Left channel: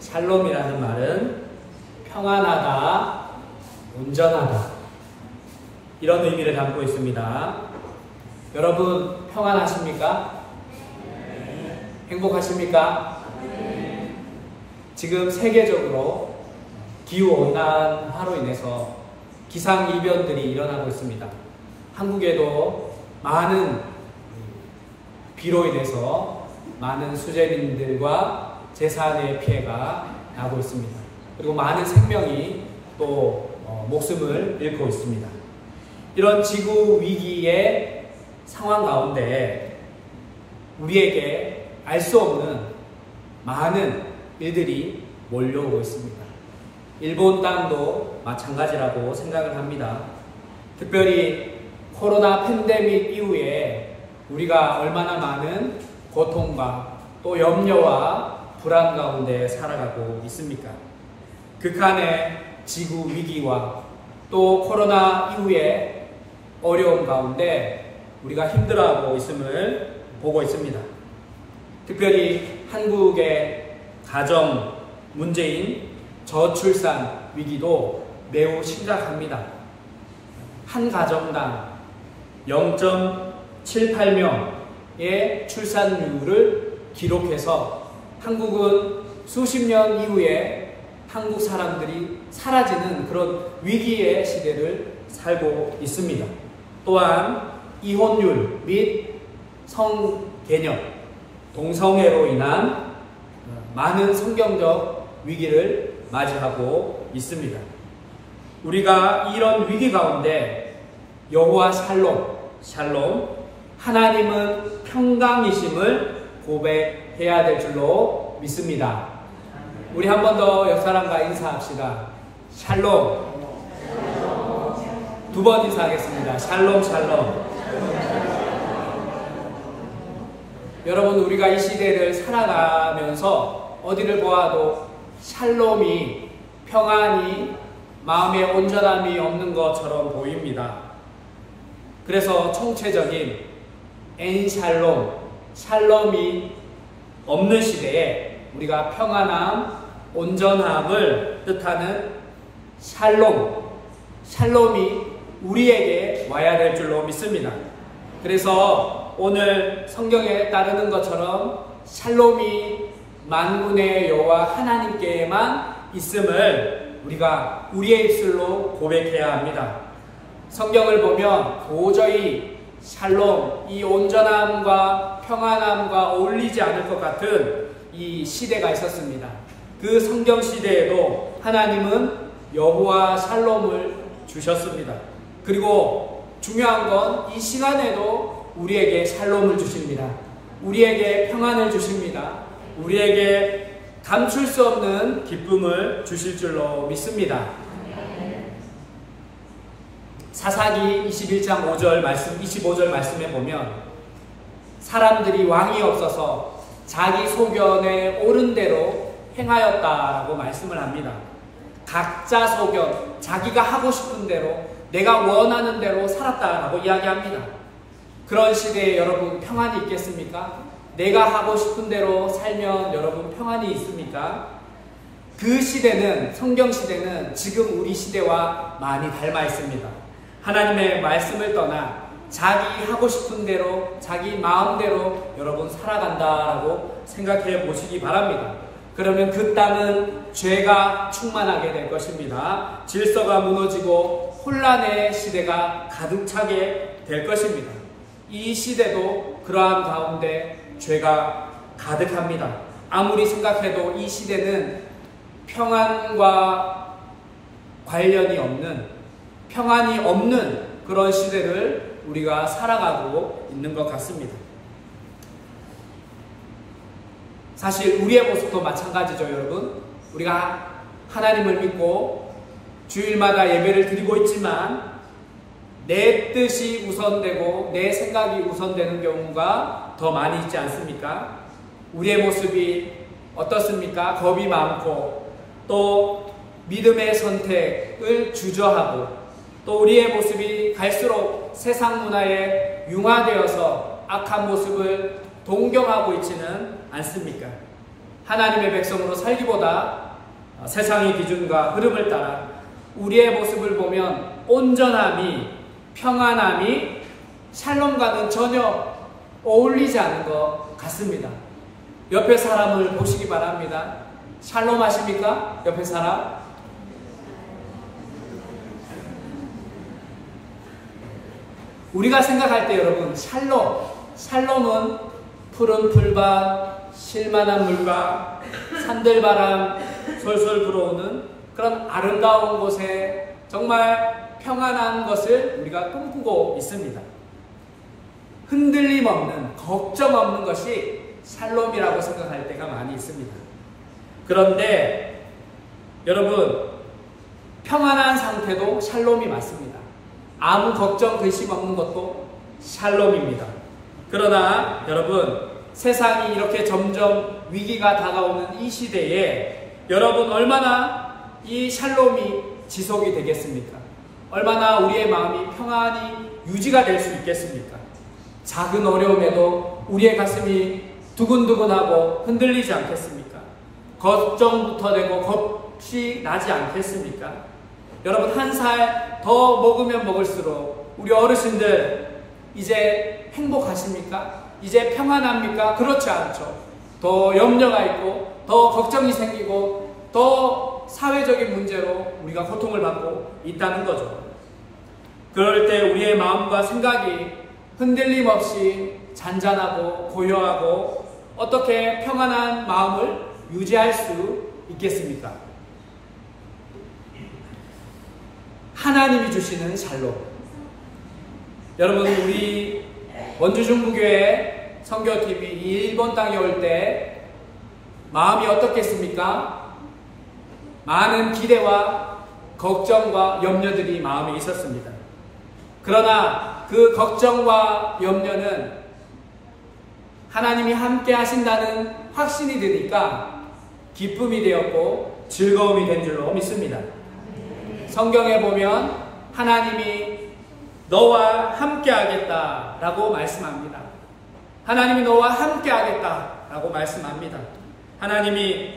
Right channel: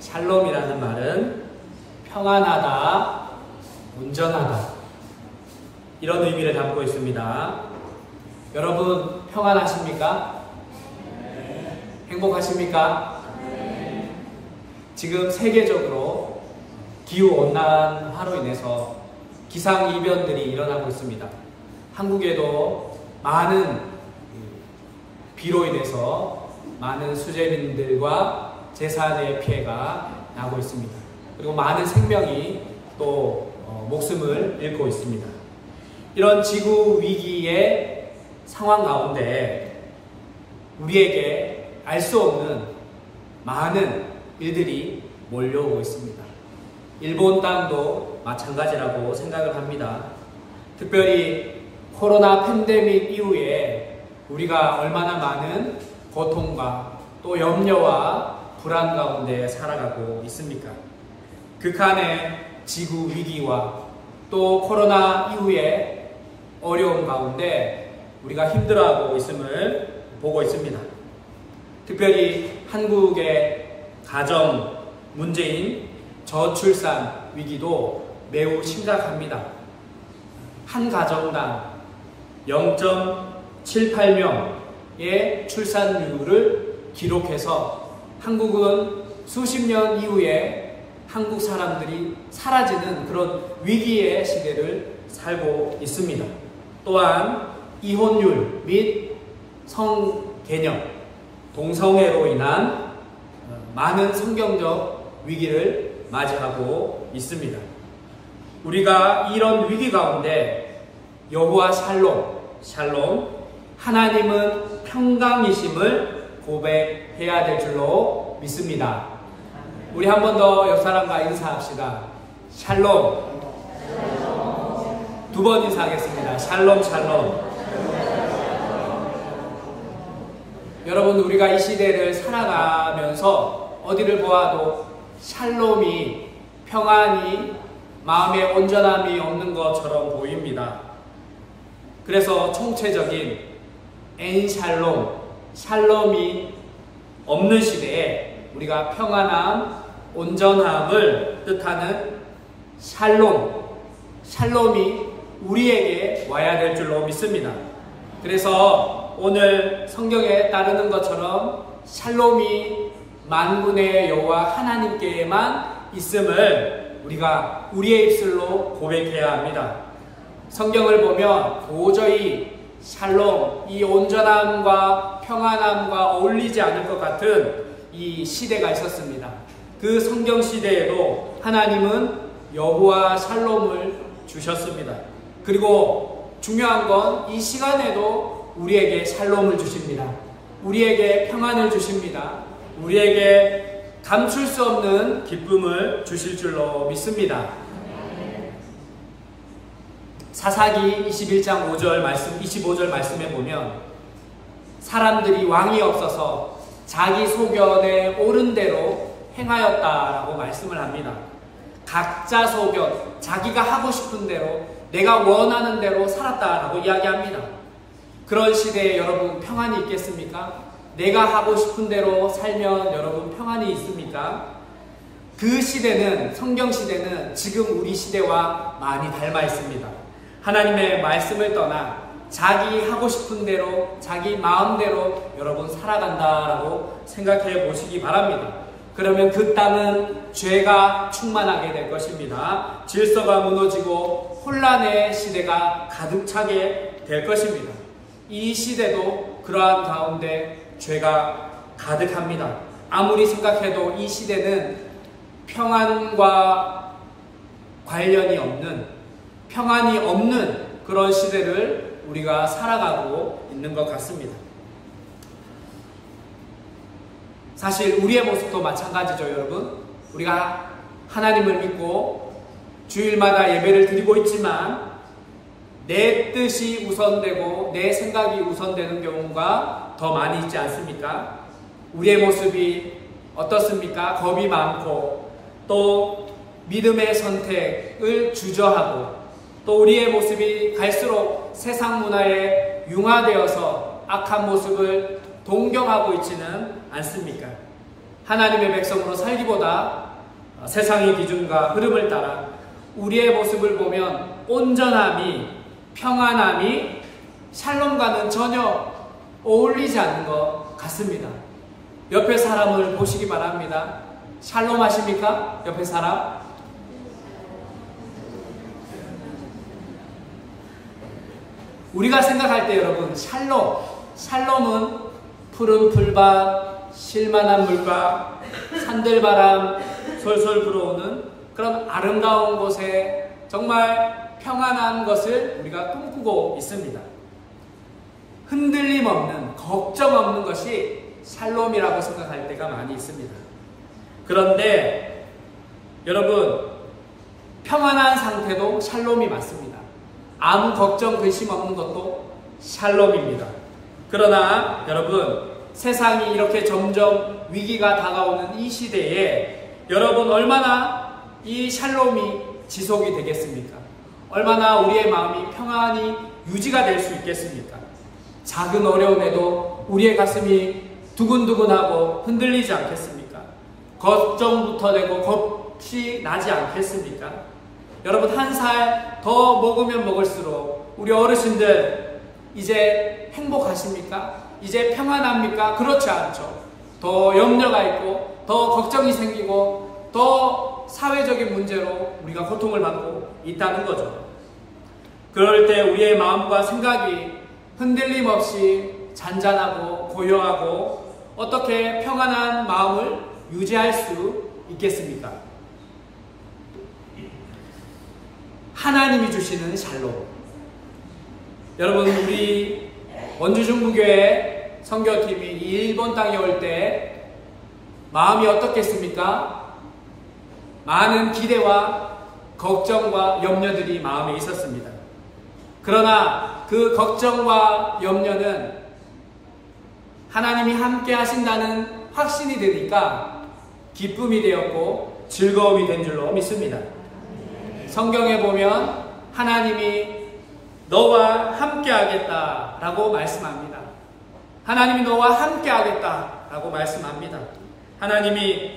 샬롬이라는 말은 평안하다, 온전하다 이런 의미를 담고 있습니다. 여러분 평안하십니까? 행복하십니까? 지금 세계적으로 기후온난화로 인해서 기상이변들이 일어나고 있습니다. 한국에도 많은 비로 인해서 많은 수재민들과 재산의 피해가 나고 있습니다. 그리고 많은 생명이 또 목숨을 잃고 있습니다. 이런 지구 위기의 상황 가운데 우리에게 알 수 없는 많은 일들이 몰려오고 있습니다. 일본 땅도 마찬가지라고 생각을 합니다. 특별히 코로나 팬데믹 이후에 우리가 얼마나 많은 고통과 또 염려와 불안 가운데 살아가고 있습니까? 극한의 지구 위기와 또 코로나 이후에 어려움 가운데 우리가 힘들어하고 있음을 보고 있습니다. 특별히 한국의 가정 문제인 저출산 위기도 매우 심각합니다. 한 가정당 0.78명의 출산율을 기록해서 한국은 수십 년 이후에 한국 사람들이 사라지는 그런 위기의 시대를 살고 있습니다. 또한 이혼율 및 성개념, 동성애로 인한 많은 성경적 위기를 맞이하고 있습니다. 우리가 이런 위기 가운데 여호와 샬롬, 하나님은 평강이심을 고백해야 될 줄로 믿습니다. 우리 한 번 더 옆 사람과 인사합시다. 샬롬. 두 번 인사하겠습니다. 샬롬. 여러분, 우리가 이 시대를 살아가면서 어디를 보아도 샬롬이, 평안이, 마음의 온전함이 없는 것처럼 보입니다. 그래서 총체적인 샬롬이 없는 시대에 우리가 평안함, 온전함을 뜻하는 샬롬이 우리에게 와야 될 줄로 믿습니다. 그래서 오늘 성경에 따르는 것처럼 샬롬이 만군의 여호와 하나님께만 있음을 우리가 우리의 입술로 고백해야 합니다. 성경을 보면 도저히 샬롬, 이 온전함과 평안함과 어울리지 않을 것 같은 이 시대가 있었습니다. 그 성경 시대에도 하나님은 여호와 샬롬을 주셨습니다. 그리고 중요한 건 이 시간에도 우리에게 샬롬을 주십니다. 우리에게 평안을 주십니다. 우리에게 감출 수 없는 기쁨을 주실 줄로 믿습니다. 사사기 21장 25절 말씀에 보면 사람들이 왕이 없어서 자기 소견에 옳은 대로 행하였다라고 말씀을 합니다. 각자 소견, 자기가 하고 싶은 대로, 내가 원하는 대로 살았다라고 이야기합니다. 그런 시대에 여러분 평안이 있겠습니까? 내가 하고 싶은 대로 살면 여러분 평안이 있습니까? 그 시대는, 성경 시대는 지금 우리 시대와 많이 닮아 있습니다. 하나님의 말씀을 떠나 자기 하고 싶은 대로, 자기 마음대로 여러분 살아간다라고 생각해 보시기 바랍니다. 그러면 그 땅은 죄가 충만하게 될 것입니다. 질서가 무너지고 혼란의 시대가 가득 차게 될 것입니다. 이 시대도 그러한 가운데 죄가 가득합니다. 아무리 생각해도 이 시대는 평안과 관련이 없는, 평안이 없는 그런 시대를 우리가 살아가고 있는 것 같습니다. 사실 우리의 모습도 마찬가지죠, 여러분. 우리가 하나님을 믿고 주일마다 예배를 드리고 있지만 내 뜻이 우선되고 내 생각이 우선되는 경우가 더 많이 있지 않습니까? 우리의 모습이 어떻습니까? 겁이 많고 또 믿음의 선택을 주저하고 또 우리의 모습이 갈수록 세상 문화에 융화되어서 악한 모습을 동경하고 있지는 않습니까? 하나님의 백성으로 살기보다 세상의 기준과 흐름을 따라 우리의 모습을 보면 온전함이, 평안함이 샬롬과는 전혀 어울리지 않는 것 같습니다. 옆에 사람을 보시기 바랍니다. 샬롬 하십니까? 옆에 사람? 우리가 생각할 때 여러분, 샬롬은 푸른 풀밭, 실만한 물가, 산들바람 솔솔 불어오는 그런 아름다운 곳에 정말 평안한 것을 우리가 꿈꾸고 있습니다. 흔들림 없는, 걱정 없는 것이 샬롬이라고 생각할 때가 많이 있습니다. 그런데 여러분, 평안한 상태도 샬롬이 맞습니다. 아무 걱정, 근심 없는 것도 샬롬입니다. 그러나 여러분, 세상이 이렇게 점점 위기가 다가오는 이 시대에 여러분 얼마나 이 샬롬이 지속이 되겠습니까? 얼마나 우리의 마음이 평안히 유지가 될 수 있겠습니까? 작은 어려움에도 우리의 가슴이 두근두근하고 흔들리지 않겠습니까? 걱정부터 되고 겁이 나지 않겠습니까? 여러분, 한 살 더 먹으면 먹을수록 우리 어르신들 이제 행복하십니까? 이제 평안합니까? 그렇지 않죠. 더 염려가 있고 더 걱정이 생기고 더 사회적인 문제로 우리가 고통을 받고 있다는 거죠. 그럴 때 우리의 마음과 생각이 흔들림 없이 잔잔하고 고요하고 어떻게 평안한 마음을 유지할 수 있겠습니까? 하나님이 주시는 샬롬. 여러분, 우리 원주중부교회 선교팀이 일본 땅에 올 때 마음이 어떻겠습니까? 많은 기대와 걱정과 염려들이 마음에 있었습니다. 그러나 그 걱정과 염려는 하나님이 함께 하신다는 확신이 되니까 기쁨이 되었고 즐거움이 된 줄로 믿습니다. 성경에 보면 하나님이 너와 함께 하겠다라고 말씀합니다. 하나님이 너와 함께 하겠다라고 말씀합니다. 하나님이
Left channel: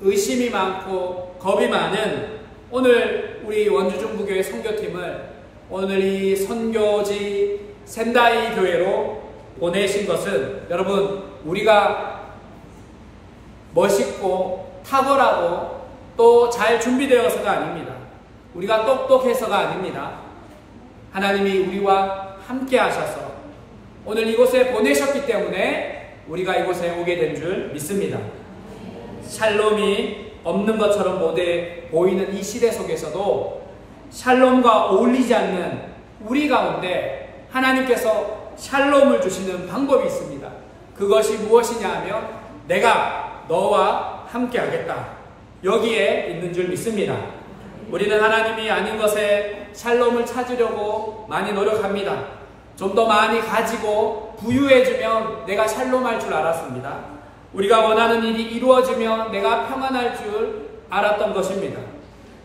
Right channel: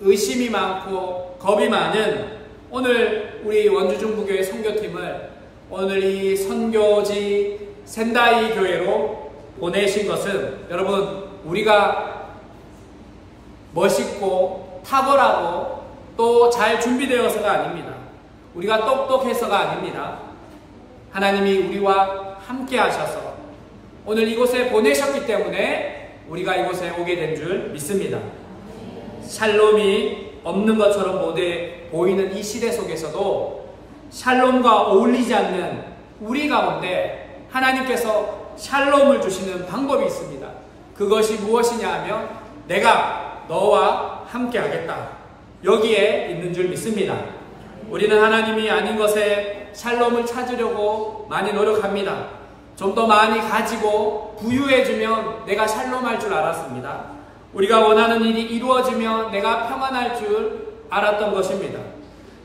의심이 많고 겁이 많은 오늘 우리 원주중부교회 선교팀을 오늘 이 선교지 센다이 교회로 보내신 것은 여러분, 우리가 멋있고 탁월하고 또 잘 준비되어서가 아닙니다. 우리가 똑똑해서가 아닙니다. 하나님이 우리와 함께 하셔서 오늘 이곳에 보내셨기 때문에 우리가 이곳에 오게 된 줄 믿습니다. 샬롬이 없는 것처럼 못해 보이는 이 시대 속에서도 샬롬과 어울리지 않는 우리 가운데 하나님께서 샬롬을 주시는 방법이 있습니다. 그것이 무엇이냐 하면 내가 너와 함께 하겠다. 여기에 있는 줄 믿습니다. 우리는 하나님이 아닌 것에 샬롬을 찾으려고 많이 노력합니다. 좀 더 많이 가지고 부유해지면 내가 샬롬할 줄 알았습니다. 우리가 원하는 일이 이루어지면 내가 평안할 줄 알았던 것입니다.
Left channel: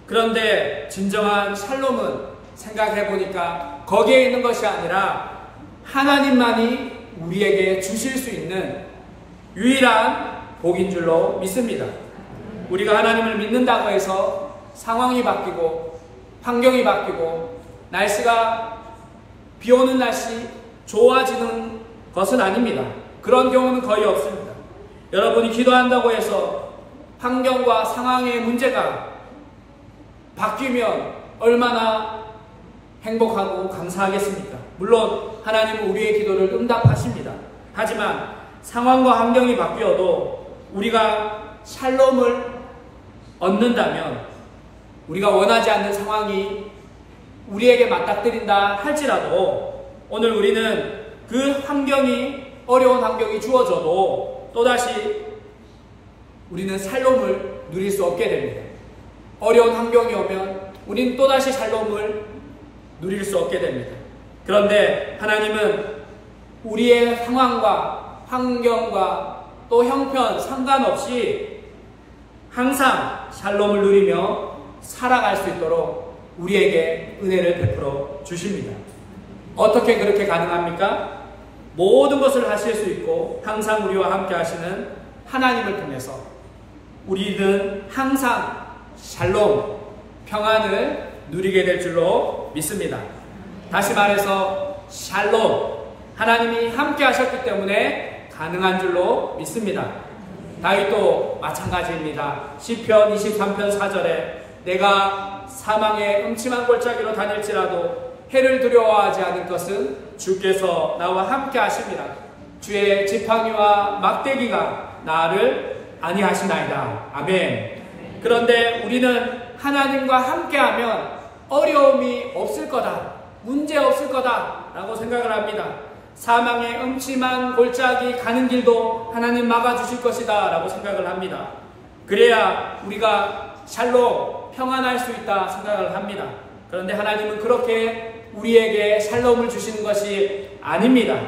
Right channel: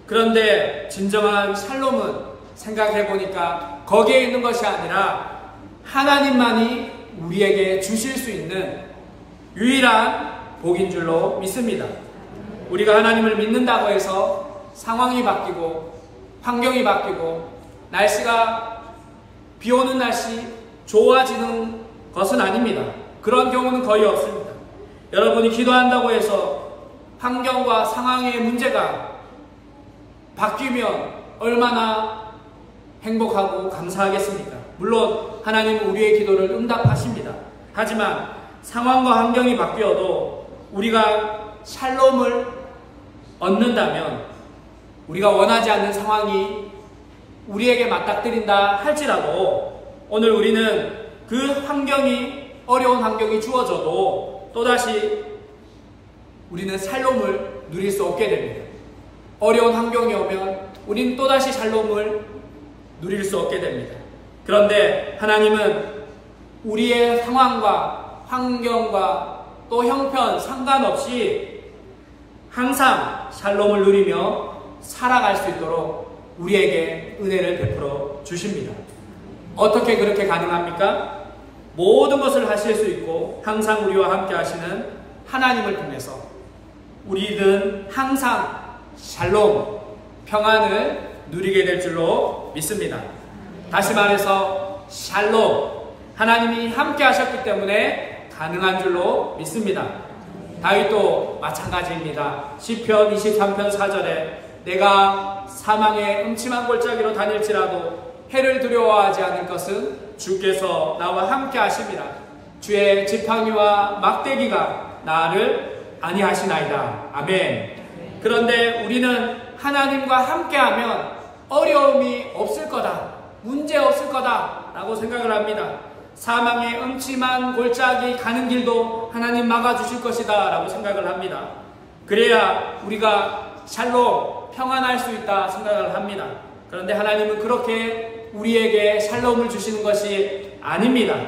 그런데 진정한 샬롬은 생각해보니까 거기에 있는 것이 아니라 하나님만이 우리에게 주실 수 있는 유일한 복인 줄로 믿습니다. 우리가 하나님을 믿는다고 해서 상황이 바뀌고 환경이 바뀌고 날씨가 비 오는 날씨 좋아지는 것은 아닙니다. 그런 경우는 거의 없습니다. 여러분이 기도한다고 해서 환경과 상황의 문제가 바뀌면 얼마나 행복하고 감사하겠습니까? 물론 하나님은 우리의 기도를 응답하십니다. 하지만 상황과 환경이 바뀌어도 우리가 샬롬을 얻는다면 우리가 원하지 않는 상황이 우리에게 맞닥뜨린다 할지라도 오늘 우리는 그 환경이 어려운 환경이 주어져도 또다시 우리는 샬롬을 누릴 수 없게 됩니다. 어려운 환경이 오면 우리는 또다시 샬롬을 누릴 수 없게 됩니다. 그런데 하나님은 우리의 상황과 환경과 또 형편 상관없이 항상 샬롬을 누리며 살아갈 수 있도록 우리에게 은혜를 베풀어 주십니다. 어떻게 그렇게 가능합니까? 모든 것을 하실 수 있고 항상 우리와 함께 하시는 하나님을 통해서 우리는 항상 샬롬, 평안을 누리게 될 줄로 믿습니다. 다시 말해서 샬롬, 하나님이 함께 하셨기 때문에 가능한 줄로 믿습니다. 다윗도 마찬가지입니다. 시편 23편 4절에 내가 사망의 음침한 골짜기로 다닐지라도 해를 두려워하지 않을 것은 주께서 나와 함께 하십니다. 주의 지팡이와 막대기가 나를 안위하시나이다. 아멘. 그런데 우리는 하나님과 함께하면 어려움이 없을 거다, 문제 없을 거다 라고 생각을 합니다. 사망의 음침한 골짜기 가는 길도 하나님 막아주실 것이다 라고 생각을 합니다. 그래야 우리가 샬롬, 평안할 수 있다 생각을 합니다. 그런데 하나님은 그렇게 우리에게 샬롬을 주시는 것이 아닙니다.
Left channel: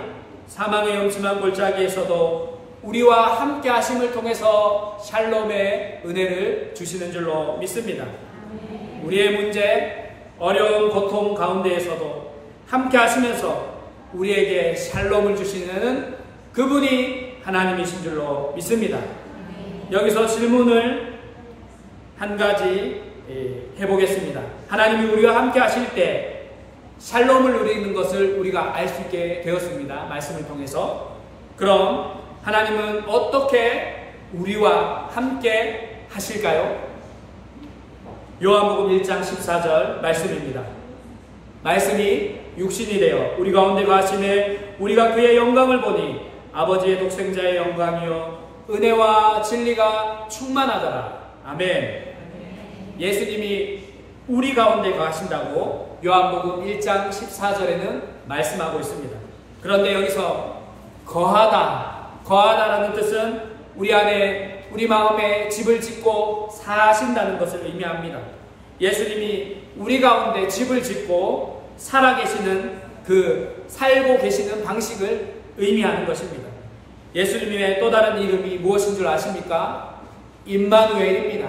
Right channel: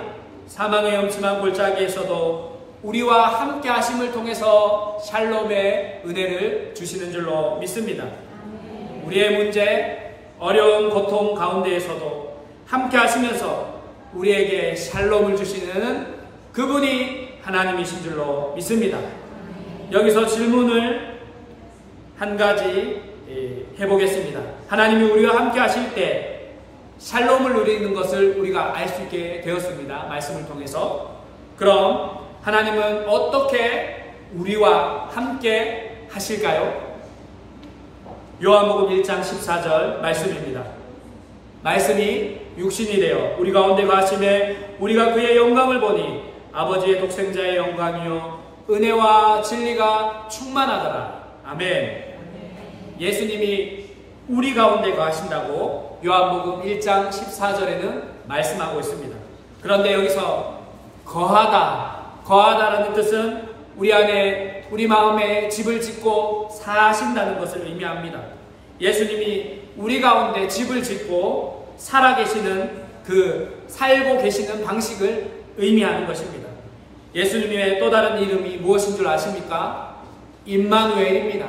사망의 음침한 골짜기에서도 우리와 함께 하심을 통해서 샬롬의 은혜를 주시는 줄로 믿습니다. 우리의 문제, 어려운 고통 가운데에서도 함께 하시면서 우리에게 샬롬을 주시는 그분이 하나님이신 줄로 믿습니다. 여기서 질문을 한 가지 해보겠습니다. 하나님이 우리와 함께 하실 때 샬롬을 누리는 것을 우리가 알 수 있게 되었습니다. 말씀을 통해서. 그럼 하나님은 어떻게 우리와 함께 하실까요? 요한복음 1장 14절 말씀입니다. 말씀이 육신이 되어 우리 가운데 거하심에 우리가 그의 영광을 보니 아버지의 독생자의 영광이요 은혜와 진리가 충만하더라. 아멘. 예수님이 우리 가운데 거하신다고 요한복음 1장 14절에는 말씀하고 있습니다. 그런데 여기서 거하다라는 뜻은 우리 안에, 우리 마음에 집을 짓고 사신다는 것을 의미합니다. 예수님이 우리 가운데 집을 짓고 살아계시는 살고 계시는 방식을 의미하는 것입니다. 예수님의 또 다른 이름이 무엇인 줄 아십니까? 임마누엘입니다.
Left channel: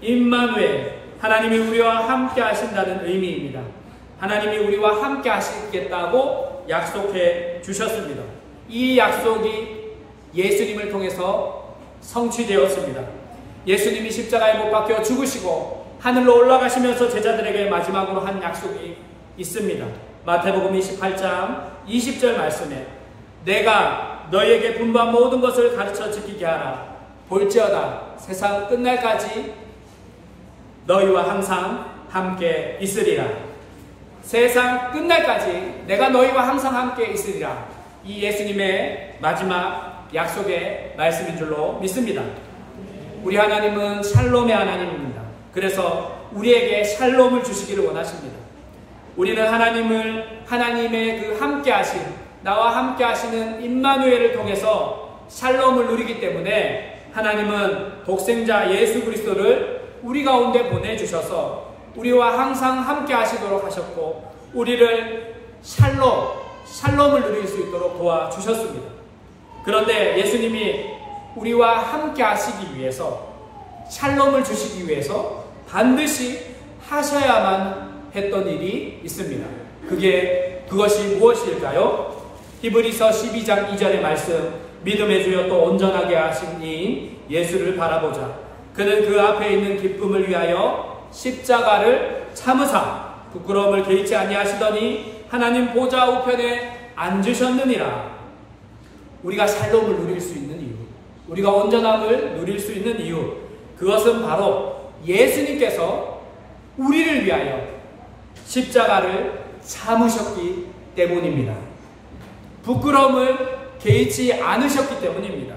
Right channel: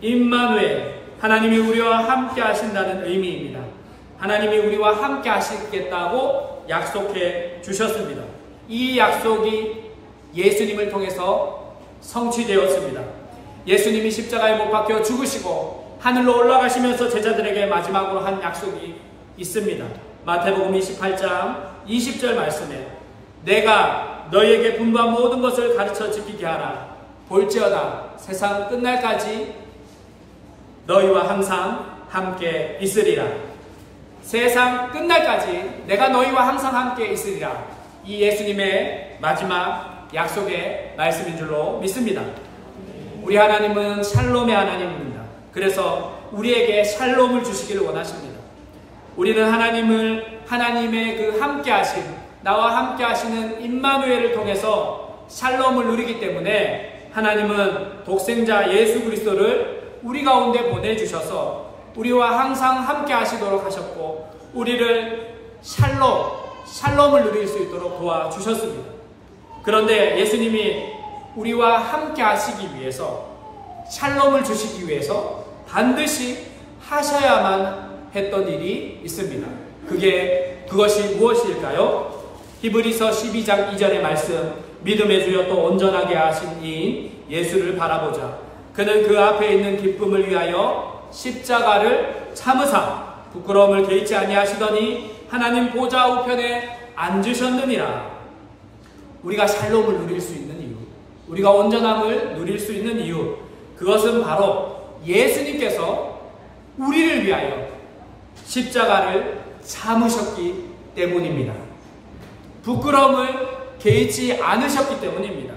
임마누엘, 하나님이 우리와 함께 하신다는 의미입니다. 하나님이 우리와 함께 하시겠다고 약속해 주셨습니다. 이 약속이 예수님을 통해서 성취되었습니다. 예수님이 십자가에 못 박혀 죽으시고 하늘로 올라가시면서 제자들에게 마지막으로 한 약속이 있습니다. 마태복음 28장 20절 말씀에 내가 너희에게 분부한 모든 것을 가르쳐 지키게 하라. 볼지어다 세상 끝날까지 너희와 항상 함께 있으리라. 세상 끝날까지 내가 너희와 항상 함께 있으리라. 이 예수님의 마지막 약속의 말씀인 줄로 믿습니다. 우리 하나님은 샬롬의 하나님입니다. 그래서 우리에게 샬롬을 주시기를 원하십니다. 우리는 하나님의 그 함께 하심, 나와 함께 하시는 임마누엘을 통해서 샬롬을 누리기 때문에 하나님은 독생자 예수 그리스도를 우리 가운데 보내주셔서 우리와 항상 함께 하시도록 하셨고 우리를 샬롬을 누릴 수 있도록 도와주셨습니다. 그런데 예수님이 우리와 함께 하시기 위해서, 샬롬을 주시기 위해서 반드시 하셔야만 했던 일이 있습니다. 그것이 무엇일까요? 히브리서 12장 2절의 말씀, 믿음의 주여 또 온전하게 하신 이인 예수를 바라보자. 그는 그 앞에 있는 기쁨을 위하여 십자가를 참으사 부끄러움을 개의치 아니하시더니 하나님 보좌 우편에 앉으셨느니라. 우리가 샬롬을 누릴 수 있는 이유, 우리가 온전함을 누릴 수 있는 이유, 그것은 바로 예수님께서 우리를 위하여 십자가를 참으셨기 때문입니다. 부끄러움을 개의치 않으셨기 때문입니다.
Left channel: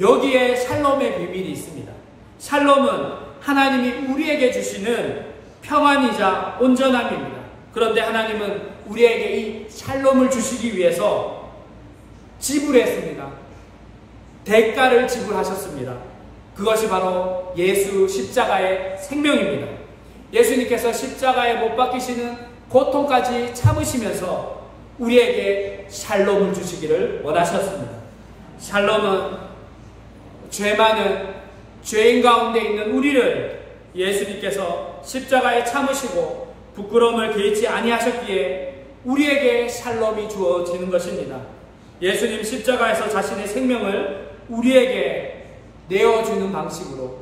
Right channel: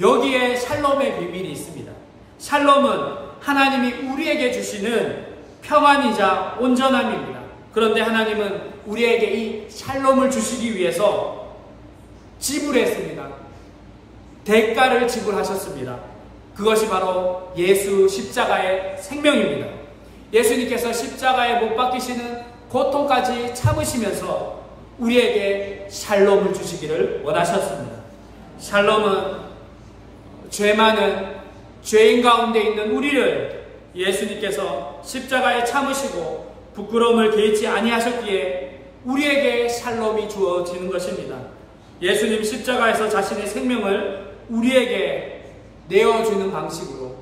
여기에 샬롬의 비밀이 있습니다. 샬롬은 하나님이 우리에게 주시는 평안이자 온전함입니다. 그런데 하나님은 우리에게 이 샬롬을 주시기 위해서 지불했습니다. 대가를 지불하셨습니다. 그것이 바로 예수 십자가의 생명입니다. 예수님께서 십자가에 못 박히시는 고통까지 참으시면서 우리에게 샬롬을 주시기를 원하셨습니다. 샬롬은 죄 많은 죄인 가운데 있는 우리를 예수님께서 십자가에 참으시고 부끄러움을 개의치 아니하셨기에 우리에게 샬롬이 주어지는 것입니다. 예수님 십자가에서 자신의 생명을 우리에게 내어주는 방식으로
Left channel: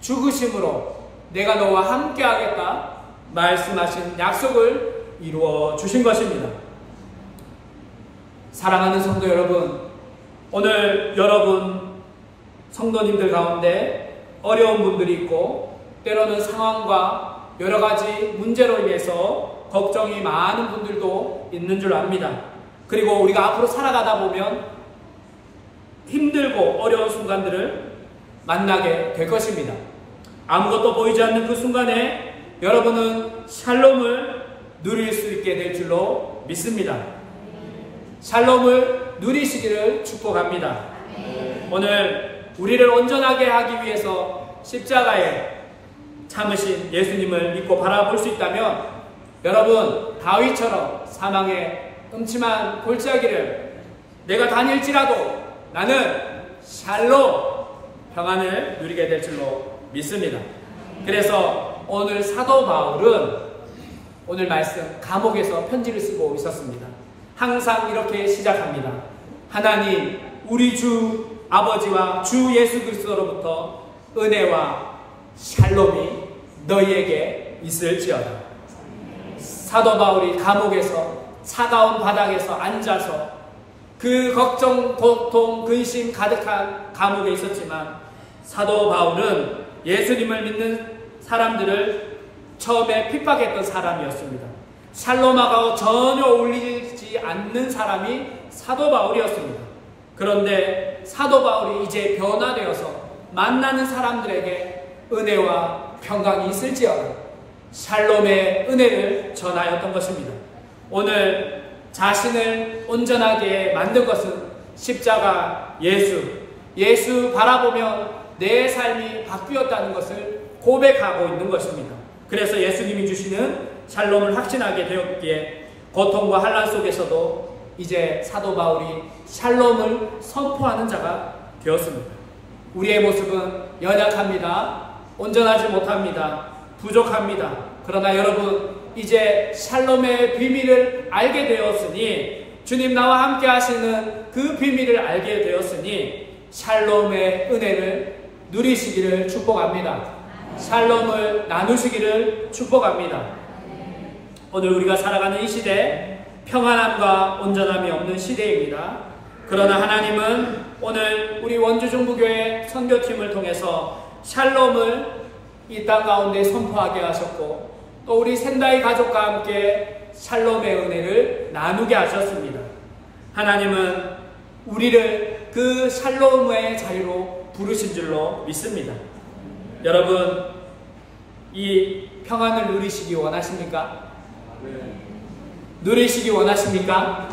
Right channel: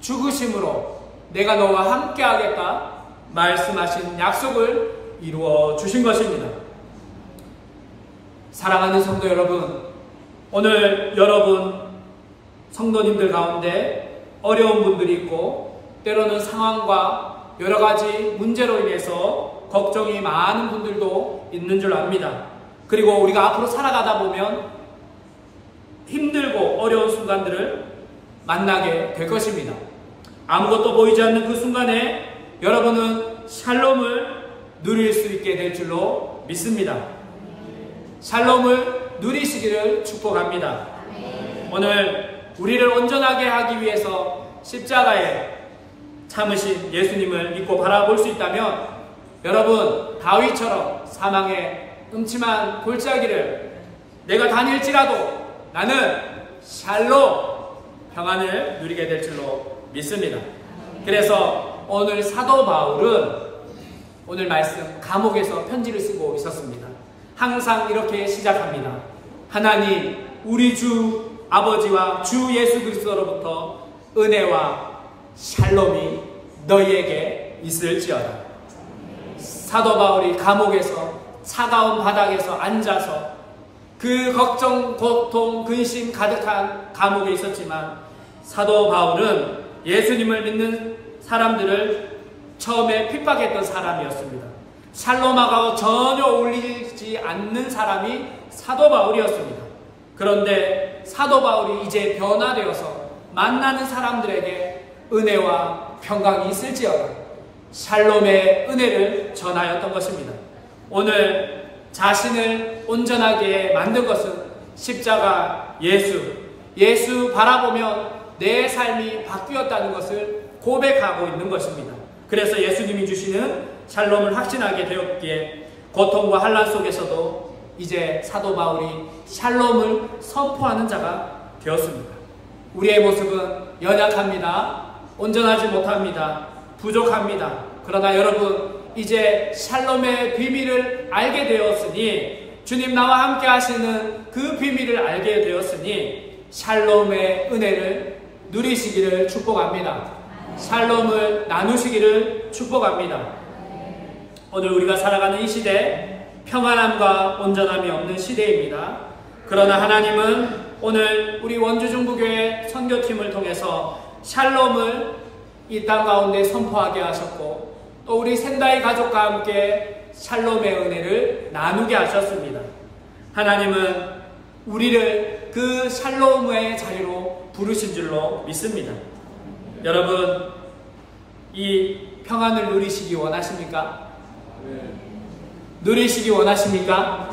죽으심으로 내가 너와 함께 하겠다 말씀하신 약속을 이루어 주신 것입니다. 사랑하는 성도 여러분, 오늘 여러분 성도님들 가운데 어려운 분들이 있고 때로는 상황과 여러 가지 문제로 인해서 걱정이 많은 분들도 있는 줄 압니다. 그리고 우리가 앞으로 살아가다 보면 힘들고 어려운 순간들을 만나게 될 것입니다. 아무것도 보이지 않는 그 순간에 여러분은 샬롬을 누릴 수 있게 될 줄로 믿습니다. 샬롬을 누리시기를 축복합니다. 오늘 우리를 온전하게 하기 위해서 십자가에 참으신 예수님을 믿고 바라볼 수 있다면 여러분 다윗처럼 사망의 음침한 골짜기를 내가 다닐지라도 나는 샬롬 평안을 누리게 될 줄로 믿습니다. 그래서 오늘 사도 바울은 오늘 말씀 감옥에서 편지를 쓰고 있었습니다. 항상 이렇게 시작합니다. 하나님 우리 주 아버지와 주 예수 그리스도로부터 은혜와 샬롬이 너희에게 있을지어다. 사도 바울이 감옥에서 차가운 바닥에서 앉아서 그 걱정, 고통, 근심 가득한 감옥에 있었지만 사도 바울은 예수님을 믿는 사람들을 처음에 핍박했던 사람이었습니다. 샬롬하고 전혀 어울리지 않는 사람이 사도 바울이었습니다. 그런데 사도 바울이 이제 변화되어서 만나는 사람들에게 은혜와 평강이 있을지어다 샬롬의 은혜를 전하였던 것입니다. 오늘 자신을 온전하게 만든 것은 십자가 예수 바라보면 내 삶이 바뀌었다는 것을 고백하고 있는 것입니다. 그래서 예수님이 주시는 샬롬을 확신하게 되었기에 고통과 환난 속에서도 이제 사도 바울이 샬롬을 선포하는 자가 되었습니다. 우리의 모습은 연약합니다. 온전하지 못합니다. 부족합니다. 그러나 여러분 이제 샬롬의 비밀을 알게 되었으니 주님 나와 함께 하시는 그 비밀을 알게 되었으니 샬롬의 은혜를 누리시기를 축복합니다. 샬롬을 나누시기를 축복합니다. 오늘 우리가 살아가는 이 시대 평안함과 온전함이 없는 시대입니다. 그러나 하나님은 오늘 우리 원주중부교회 선교팀을 통해서 샬롬을 이 땅 가운데 선포하게 하셨고 또 우리 샌다이 가족과 함께 샬롬의 은혜를 나누게 하셨습니다. 하나님은 우리를 그 샬롬의 자유로 부르신 줄로 믿습니다. 여러분 이 평안을 누리시기 원하십니까? 누리시기 원하십니까?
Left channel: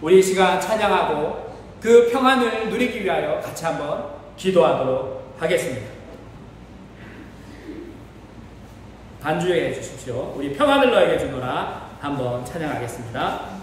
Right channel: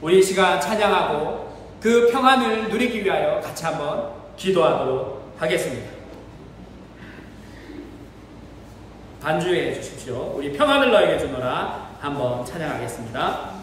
우리 이 시간 찬양하고 그 평안을 누리기 위하여 같이 한번 기도하도록 하겠습니다. 반주해 주십시오. 우리 평안을 너에게 주노라 한번 찬양하겠습니다.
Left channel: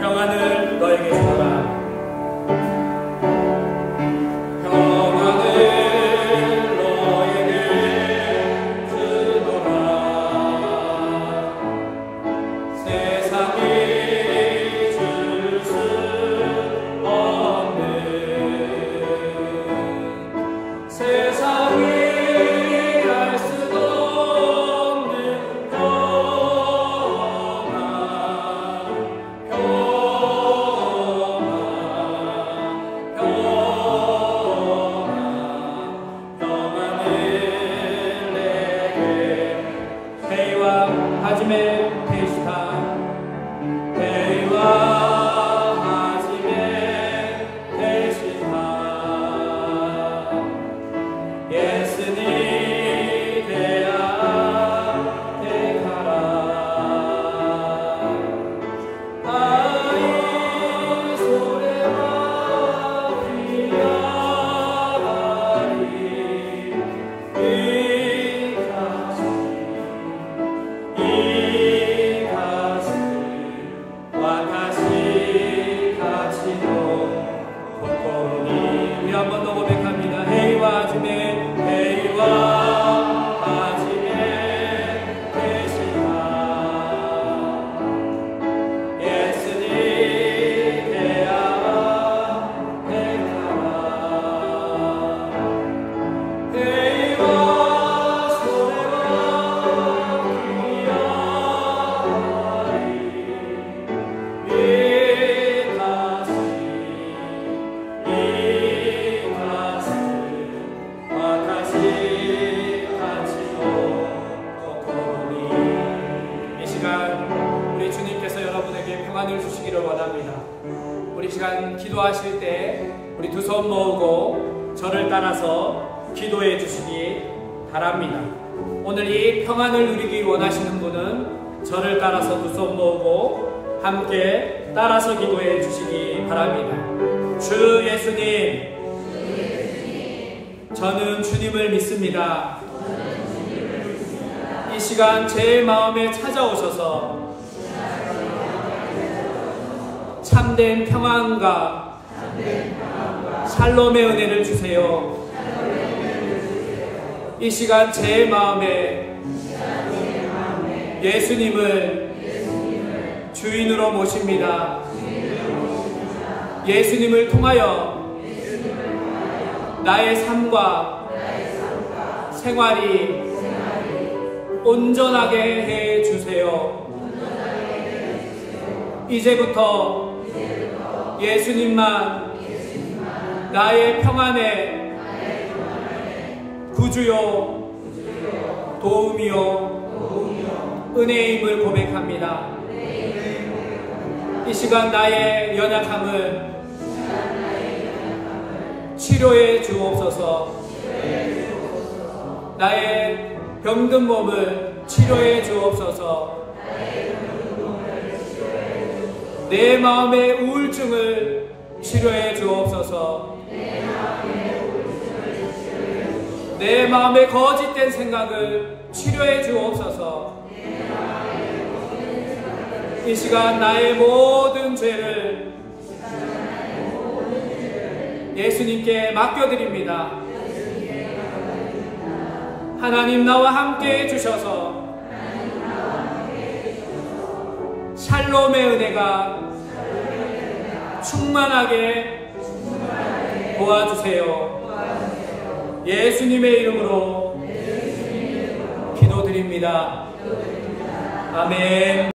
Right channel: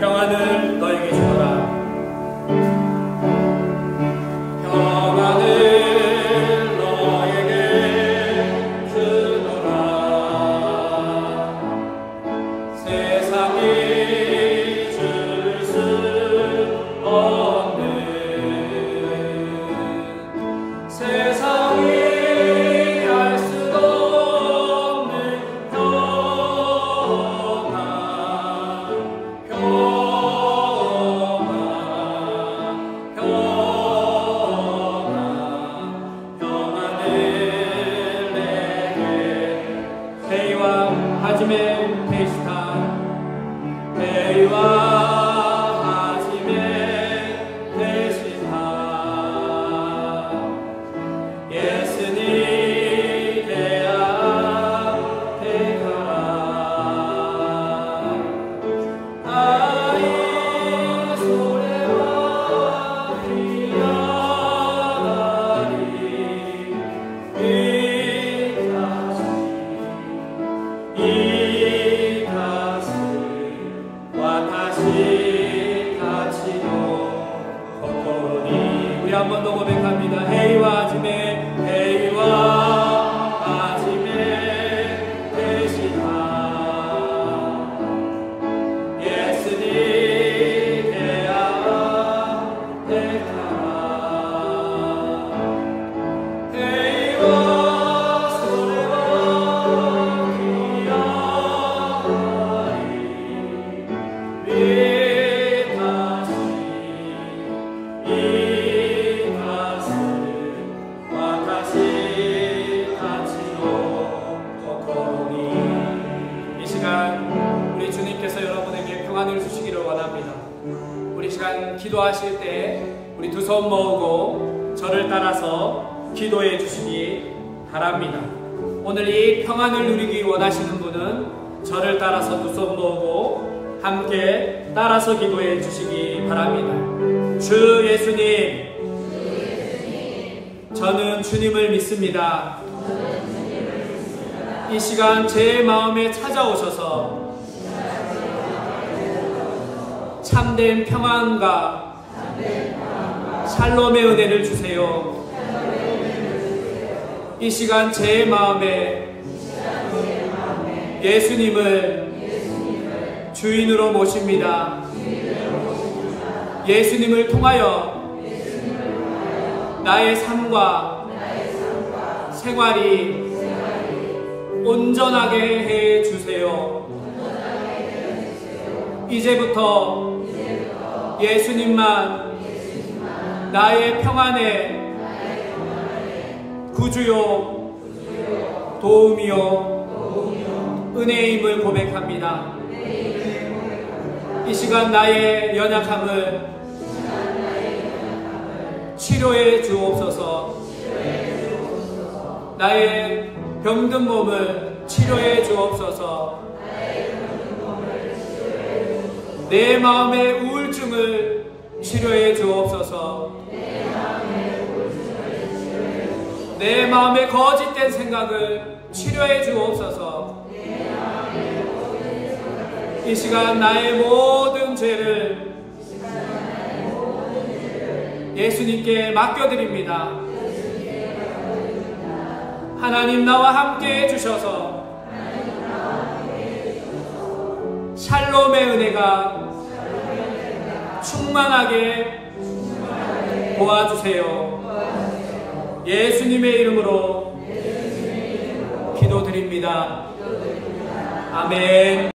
평안을 너에게 주노라. 우리 한 번 더 고백합니다. 해와 아침에 해와 아침에 계시다 예수님 해야와 해타라 해와 소래와 기야리 평안을 주시기를 원합니다. 우리 시간 기도하실 때 우리 두 손 모으고 저를 따라서 기도해 주시기 바랍니다. 오늘 이 평안을 누리기 원하시는 분은 저를 따라서 두 손 모으고 함께 따라서 기도해 주시기 바랍니다. 주 예수님, 저는 주님을 믿습니다. 이 시간 제 마음에 찾아오셔서 참된 평안과 샬롬의 은혜를 주세요. 이 시간 제 마음에 예수님을 주인으로 모십니다. 예수님을 통하여 나의 삶과 생활이 온전하게 해 주세요. 이제부터 예수님만 나의 평안의 구주요 도움이요 은혜임을 고백합니다. 이 시간 나의 연약함을 치료해 주옵소서. 나의 병든 몸을 치료해 주옵소서. 내 마음의 우울증을 치료해 주옵소서. 내 마음의 거짓된 생각을 치료해 주옵소서. 이 시간 나의 모든 죄를 예수님께 맡겨드립니다. 하나님 나와 함께 해주셔서 샬롬의 은혜가 충만하게 도와주세요. 예수님의 이름으로 기도드립니다. 아멘.